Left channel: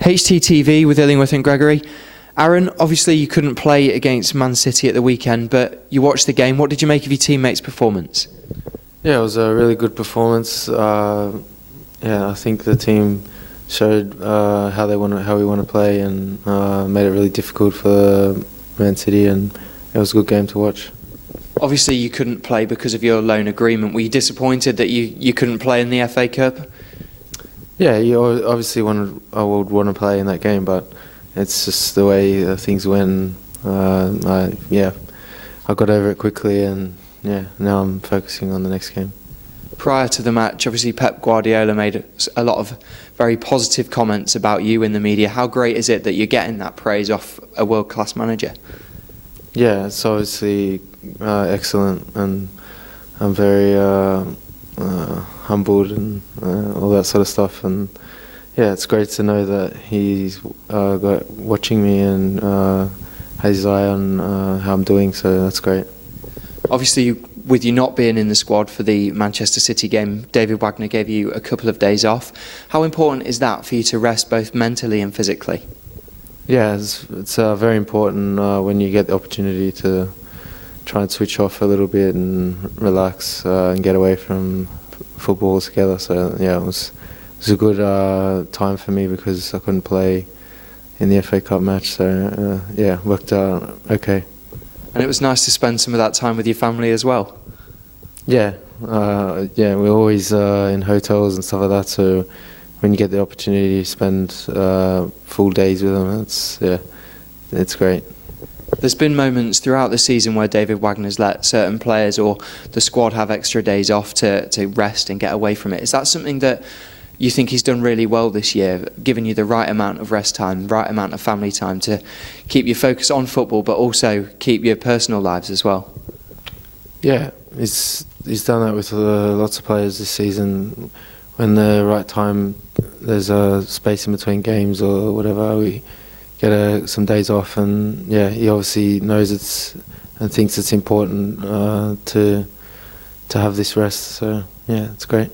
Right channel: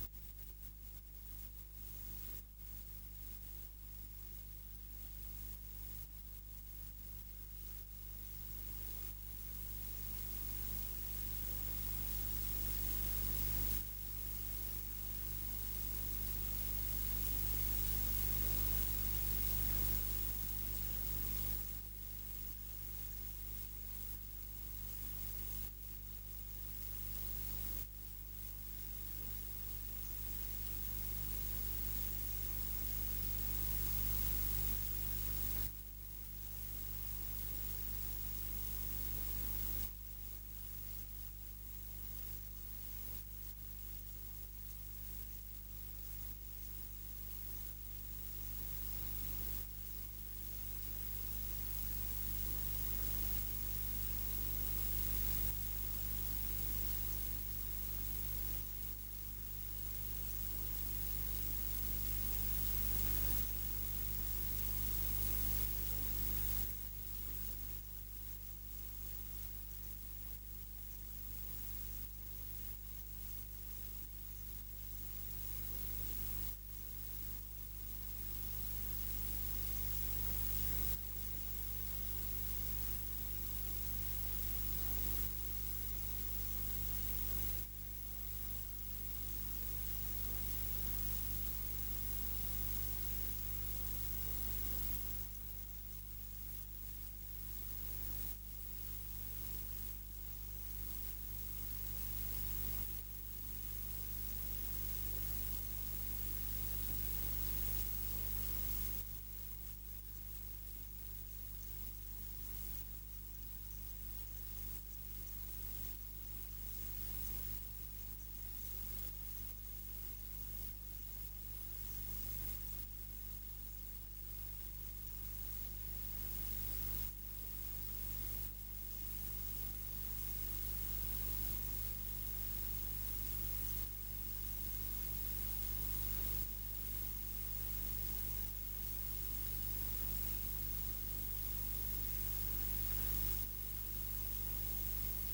HTTV with Illingworth and Gregory. Aaron, obviously you couldn't play against Man City at the weekend, but you watched the game. What did you make of your teammates' performance? Yeah, it was a really good performance. I think the team showed how we want to play, and made it really difficult for Man City, and it was a good game to watch. Obviously you couldn't play because of your loan agreement. Were you disappointed that you couldn't play in the FA Cup? Yeah, you obviously I would want to play in that game, but it's just the way things went. I got over it quickly, and now I'm focusing on the next game. Prior to the match, obviously Pep Guardiola made a lot of very positive comments about you in the media. How great is it that you're getting that praise off a world-class manager? Yeah, it's obviously excellent, and I'm very humbled and all that sort of stuff. And yeah, it's great to know that he's watching me and has his eye on how I'm doing, so that's great. Obviously, with you not being in the squad for the Manchester City game, David Wagner gave you a couple of days off. How important is that for you to rest both mentally and physically? Yeah, it's very important when you get the opportunity to try and switch off a little bit and relax and get away from football altogether. So yeah, it was a good time for me because I couldn't play in the FA Cup match. So worked out okay. And it was nice to spend some of that time with your family as well. Yeah, we're always in hotels and stuff like that. So when you get the opportunity to spend full days with them, it's great. There's been moments throughout the season where David Wagner's let certain players or the squad have extra days off to rest and get away from it. Is that something that you think he's done really well this year, giving you the right amount of rest time, right amount of family time to keep you focused on football but also keep your personal lives as well? Yeah, he's done that with lots of players this season. When the right time, there's a space in between games or whatever, we get some days off, and he obviously knows and thinks it's important to have this rest. So it's great.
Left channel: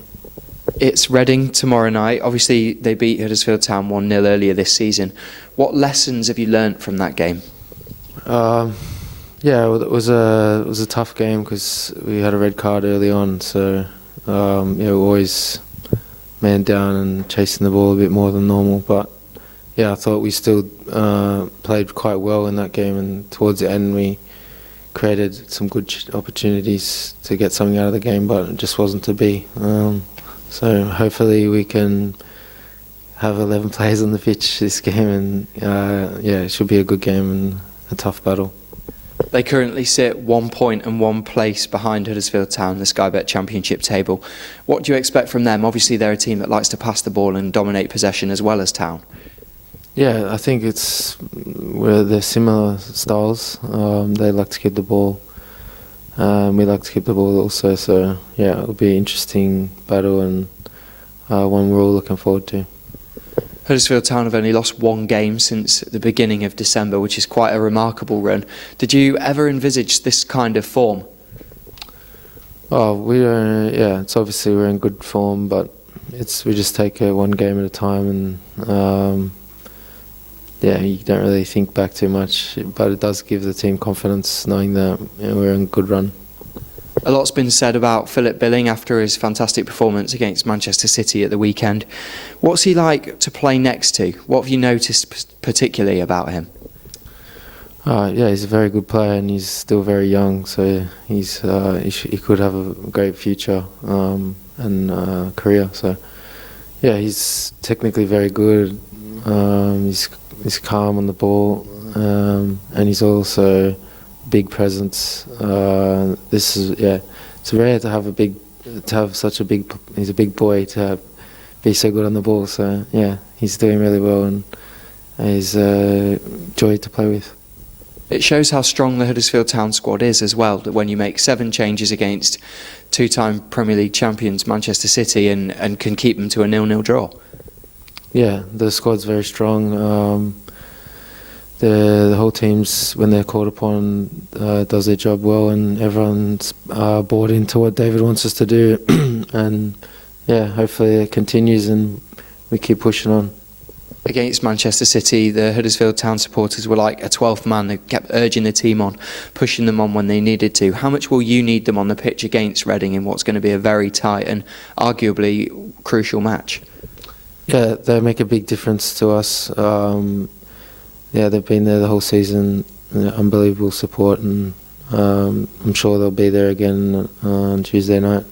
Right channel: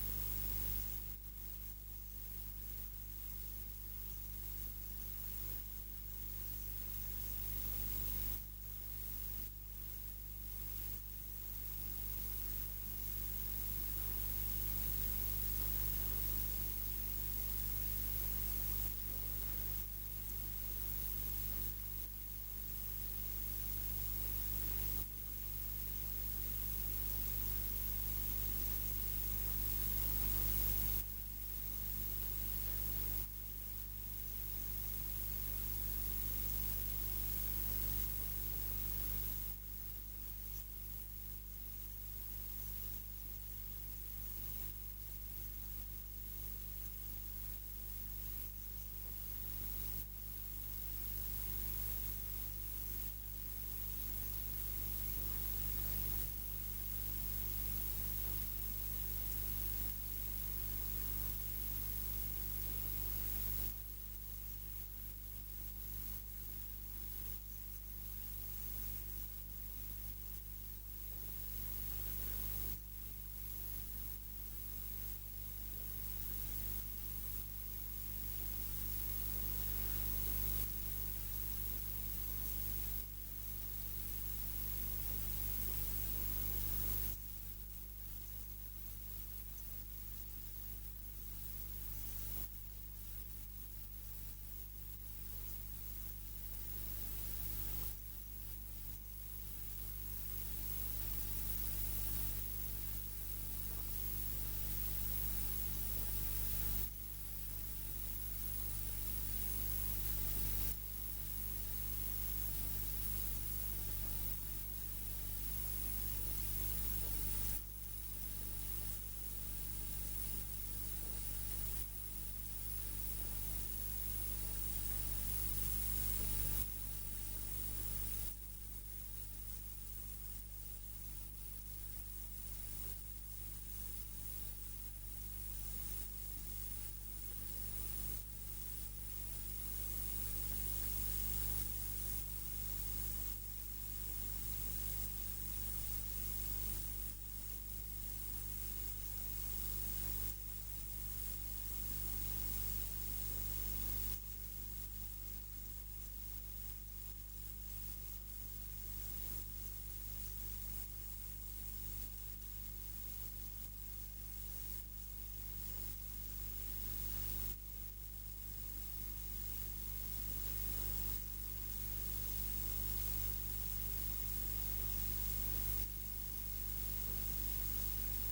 It's Reading tomorrow night. Obviously they beat Huddersfield Town 1-0 earlier this season. What lessons have you learnt from that game? It was a tough game because we had a red card early on, so we're always man down and chasing the ball a bit more than normal, but I thought we still played quite well in that game, and towards the end we created some good opportunities to get something out of the game, but it just wasn't to be. So hopefully we can have 11 players on the pitch this game, and it should be a good game and a tough battle. They currently sit 1 point and 1 place behind Huddersfield Town, the Sky Bet Championship table. What do you expect from them? Obviously they're a team that likes to pass the ball and dominate possession as well as Town. Yeah, I think they're similar styles. They like to keep the ball. We like to keep the ball also, so it'll be an interesting battle, and one we're all looking forward to. Huddersfield Town have only lost 1 game since the beginning of December, which is quite a remarkable run. Did you ever envisage this kind of form? Oh, we don't. Yeah, it's obviously we're in good form, but we just take it one game at a time, and you don't really think back too much. But it does give the team confidence knowing that we're in a good run. A lot's been said about Philip Billing after his fantastic performance against Manchester City at the weekend. What's he like to play next to? What have you noticed particularly about him? He's a very good player, and he's still very young, so he could have a great future and career. So he's technically very good. He's calm on the ball, and he's also big presence. It's rare to have such a big. He's a big boy to be so good on the ball. So he's doing really well, and he's a joy to play with. It shows how strong the Huddersfield Town squad is as well, that when you make 7 changes against 2-time Premier League champions Manchester City and can keep them to a 0-0 draw. Yeah, the squad's very strong. The whole team's, when they're called upon, does their job well, and everyone's bought into what David wants us to do. And hopefully it continues and we keep pushing on. Against Manchester City, the Huddersfield Town supporters were like a 12th man. They kept urging the team on, pushing them on when they needed to. How much will you need them on the pitch against Reading in what's going to be a very tight and arguably crucial match? Yeah, they make a big difference to us. Yeah, they've been there the whole season. Unbelievable support, and I'm sure they'll be there again on Tuesday night.